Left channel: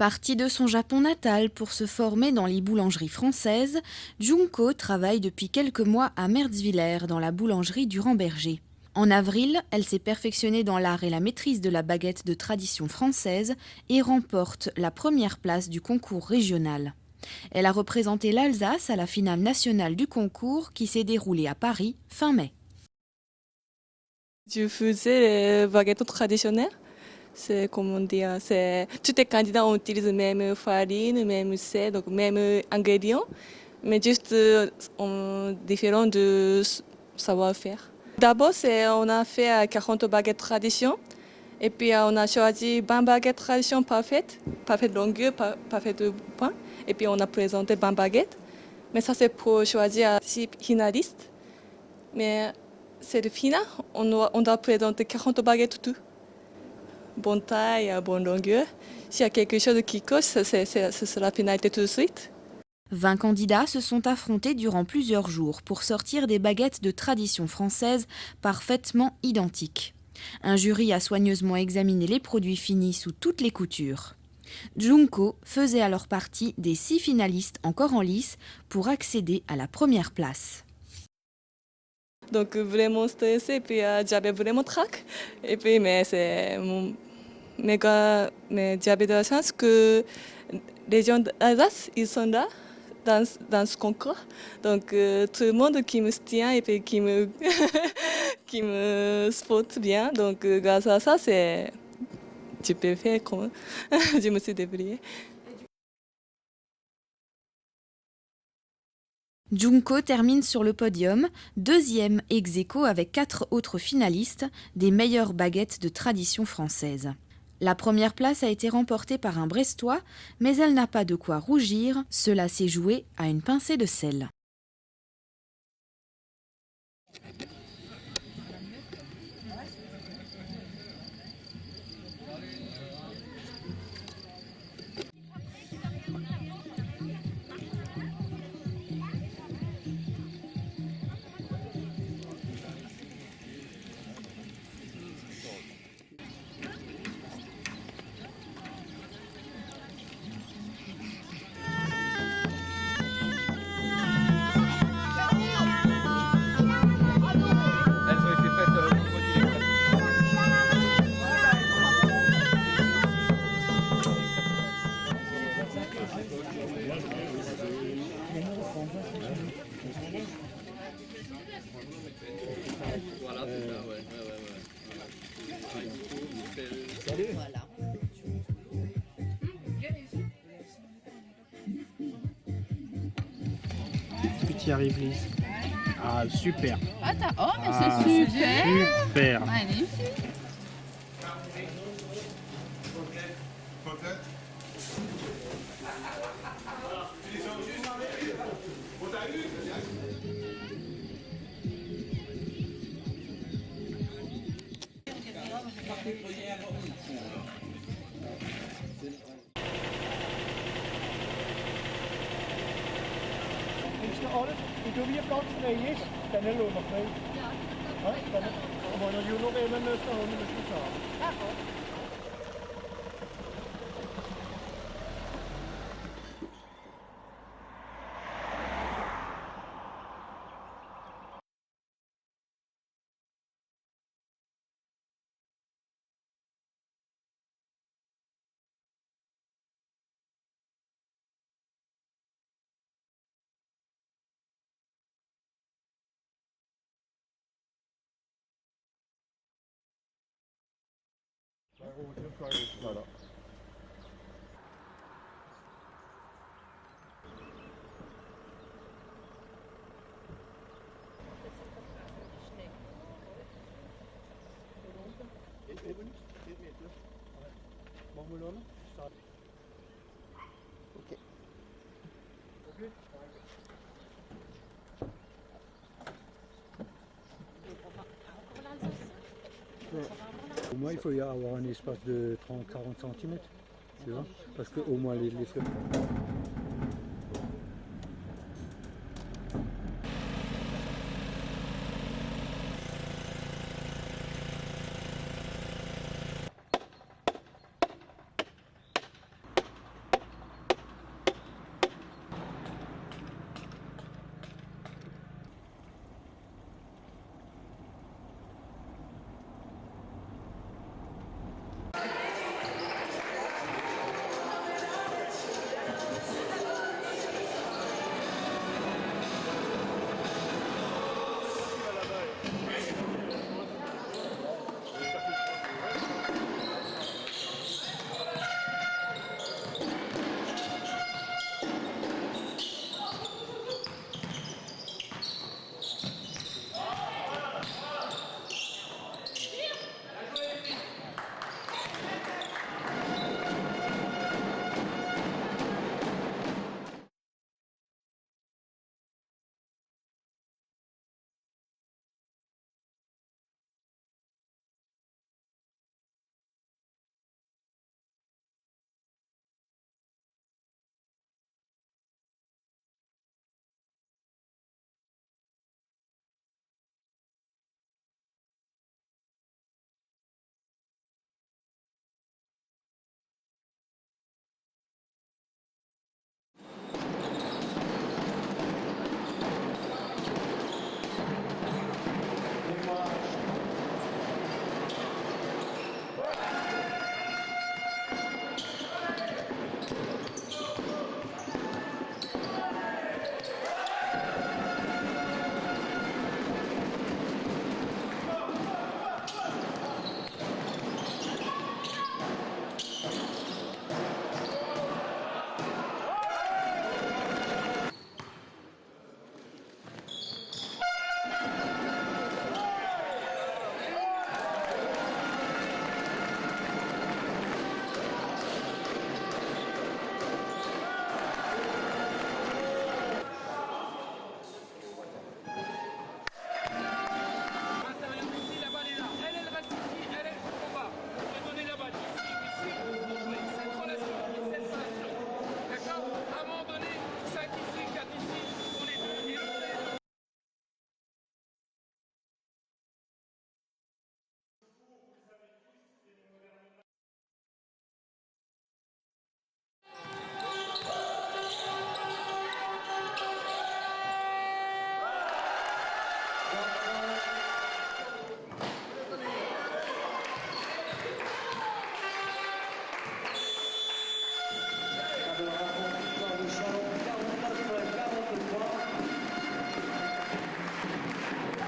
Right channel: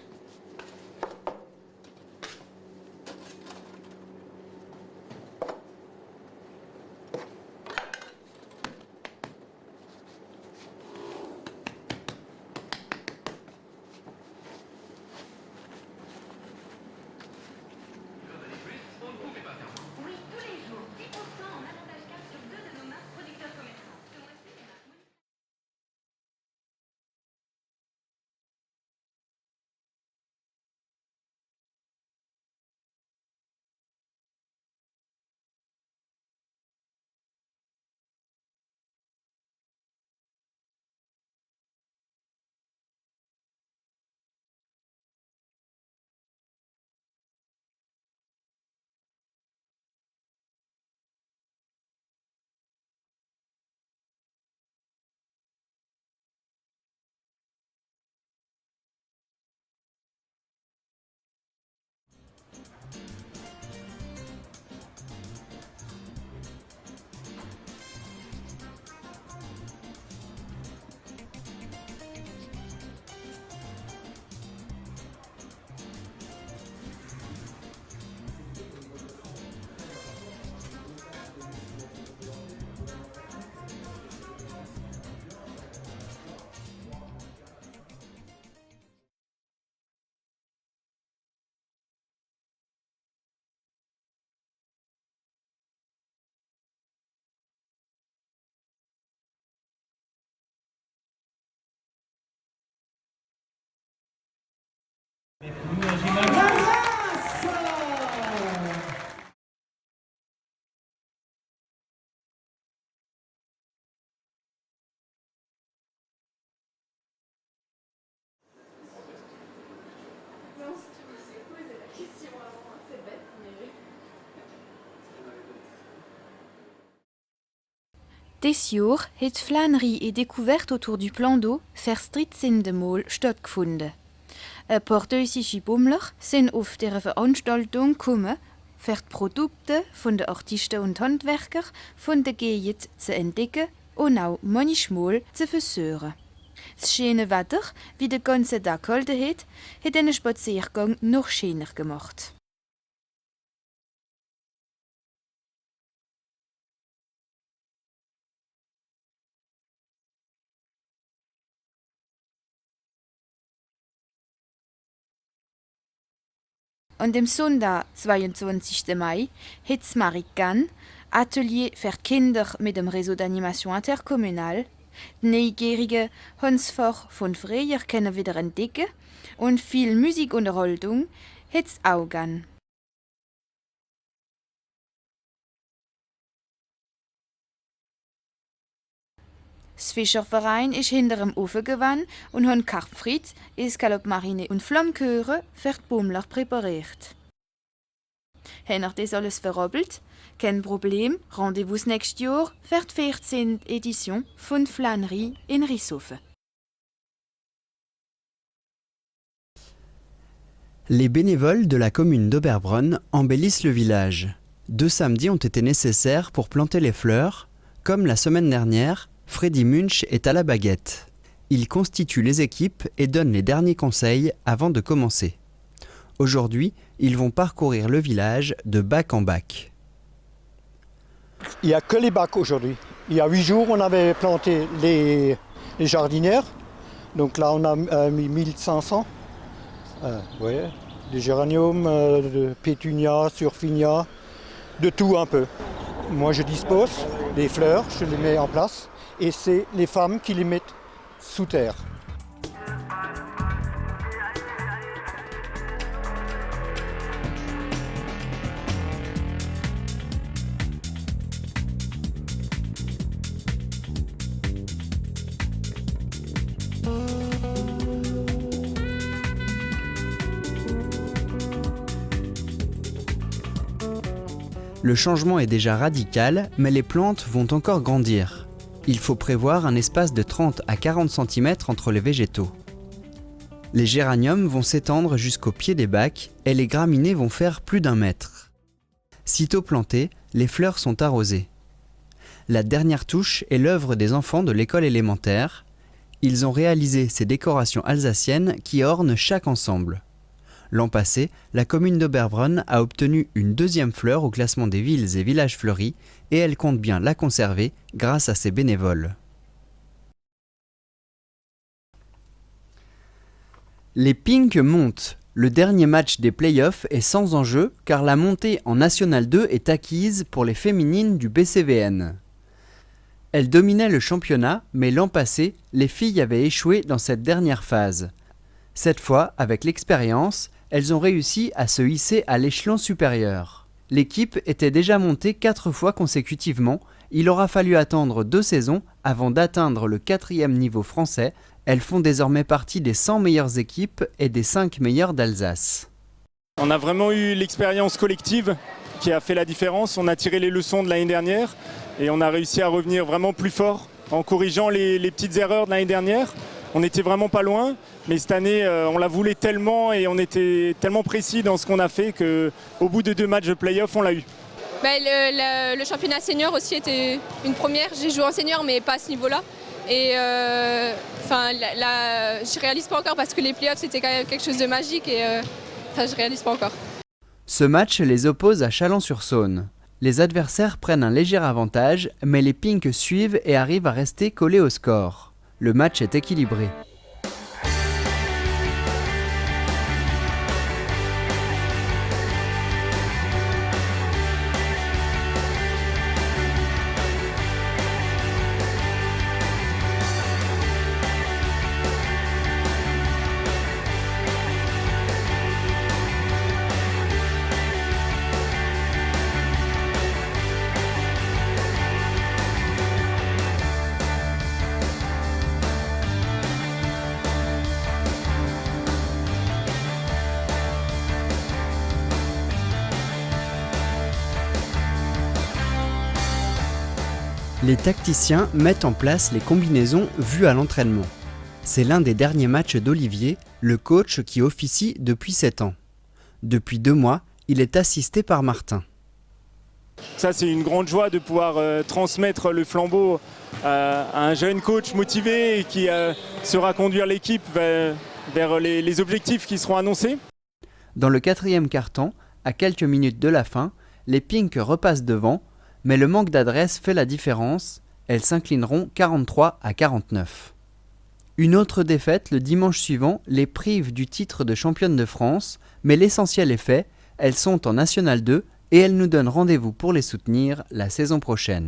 Parti de son Japon natal pour se former dans les boulangeries françaises, Junko travaille depuis quelques mois à Mertzwiller dans la boulangerie Durand-Berger. En avril, elle s'est perfectionnée dans l'art et la maîtrise de la baguette de tradition française et remporte la première place du concours régional. Elle a représenté l'Alsace à la finale nationale du concours qui s'est déroulée à Paris fin mai. Je faisais les baguettes traditionnelles. C'est comment dire, tous les candidats utilisent la même farine, même sel, donc même ingrédients, mais juste différent de savoir-faire. D'abord, on a fait 40 baguettes tradition, et puis on a choisi 20 baguettes tradition parfaites longueur, parfaite pain, et puis on a présenté 20 baguettes. Mais ça, c'est pour choisir 6 finalistes. Mais c'est le final, on doit présenter 40 baguettes tout. Bonne taille, bonne longueur. S'il y a quelque chose qui coche, ce sera la finalité tout de suite. 20 candidats se sont affrontés durant plusieurs jours pour sortir des baguettes de tradition française parfaitement identiques. Un jury a soigneusement examiné les produits finis sous toutes les coutures. Junko faisait alors partie des 6 finalistes encore en lice pour accéder à la première place. Donc vraiment stressé, et puis j'avais vraiment trac. Et puis mais j'avais de la chance que les gens d'Alsace, ils sont là dans ce concours. Donc tout le monde qui me tient et puis qui me qui me supporte bien. Donc grâce à ça, je peux faire comme je me suis débrouillée. Junko termine sur le podium, deuxième ex aequo avec 4 autres finalistes des meilleures baguettes de tradition française. La première place a été remportée par un Brestois, mais elle n'a pas de quoi rougir, cela s'est joué à une pincée de sel. Des Jahr hat Flannery et découverte autour du plan d'eau Verstrittsindemal stattgefunden. Ein paar deutsche Bummler sind auf dieser Veranstaltung gekommen, für die Produkte von den Artisten und Handwerker von der Gegend zu entdecken und auch manchmal zu versuchen. Das schöne Wetter, wie der ganze Tag gehalten hat den Spaziergang noch schöner gemacht. An dem Sonntag, 22. Mai, hat das Marican, Atelier für Kinder mit dem Réseau d'Animation Intercommunal, die Neugierige Hans Fach von früher können wieder entdecken und viel Musikunterhaltung hat es auch gern. Que tu y arrives, Lise. Ah, super. C'est super. Das Fischerverein ist hinter dem Ofen gewandt und hat Karpfrit, Escalope marine und Flammkuchen für die Bummler präpariert. Habt ihr das alles verrabbelt? Kein Problem, Rendez-vous nächstes Jahr für die 14. Edition von Flannery in Rissofen. Les bénévoles de la commune d'Oberbronn embellissent le village. 2 samedis ont été nécessaires pour planter les fleurs. Comme la semaine dernière, Freddy Munch est à la baguette. Il constitue les équipes et donne les derniers conseils avant de commencer. Aujourd'hui, ils vont parcourir le village de bac en bac. Il n'y a que les bacs aujourd'hui. Il y a 8 jours, on avait planté les jardinières. Donc là, on a mis 1500. Des géraniums, de pétunia, surfinia, de tout un peu. Moi, je dispose des fleurs, je les mets en place. Et c'est les femmes qui les mettent sous terre. Le changement est déjà radical, mais les plantes vont encore grandir. Il faut prévoir un espace de 30 à 40 cm entre les végétaux. Les géraniums vont s'étendre jusqu'au pied des bacs et les graminées vont faire plus d'1 mètre. Sitôt plantées, les fleurs sont arrosées. La dernière touche est l'œuvre des enfants de l'école élémentaire. Ils ont réalisé ces décorations alsaciennes qui ornent chaque ensemble. L'an passé, la commune d'Oberbronn a obtenu une 2e fleur au classement des villes et villages fleuris et elle compte bien la conserver grâce à ses bénévoles. Les Pink montent. Le dernier match des playoffs est sans enjeu car la montée en National 2 est acquise pour les féminines du BCVN. Elles dominaient le championnat, mais l'an passé, les filles avaient échoué dans cette dernière phase. Cette fois, avec l'expérience, elles ont réussi à se hisser à l'échelon supérieur. L'équipe était déjà montée 4 fois consécutivement. Il aura fallu attendre 2 saisons avant d'atteindre le 4e niveau français. Elles font désormais partie des 100 meilleures équipes et des 5 meilleures d'Alsace. On a vraiment eu l'expérience collective qui a fait la différence. On a tiré les leçons de l'année dernière et on a réussi à revenir vraiment plus fort en corrigeant les petites erreurs de l'année dernière. On n'était vraiment pas loin, mais cette année, on la voulait tellement et on était tellement précis dans ce qu'on a fait qu'au bout de 2 matchs de play-off, on l'a eu. Le championnat senior aussi était une première. J'ai joué en senior, mais pas à ce niveau-là. Et je réalise pas encore parce que les play-offs, c'était quand même quelque chose de magique et je réalise pas encore. Ce match les oppose à Chalon-sur-Saône. Les adversaires prennent un léger avantage, mais les Pink suivent et arrivent à rester collés au score. Le match est équilibré. Les tacticiens mettent en place les combinaisons vues à l'entraînement. C'est l'un des derniers matchs d'Olivier, le coach qui officie depuis 7 ans. Depuis 2 mois, il est assisté par Martin. Ça, c'est une grande joie de pouvoir transmettre le flambeau à un jeune coach motivé et qui saura conduire l'équipe vers les objectifs qui seront annoncés. Dans le 4e quart-temps, à quelques minutes de la fin, les Pink repassent devant, mais le manque d'adresse fait la différence. Elles s'inclineront 43-49. Une autre défaite le dimanche suivant les prive du titre de championne de France, mais l'essentiel est fait, elles sont en National 2 et elles nous donnent rendez-vous pour les soutenir la saison prochaine.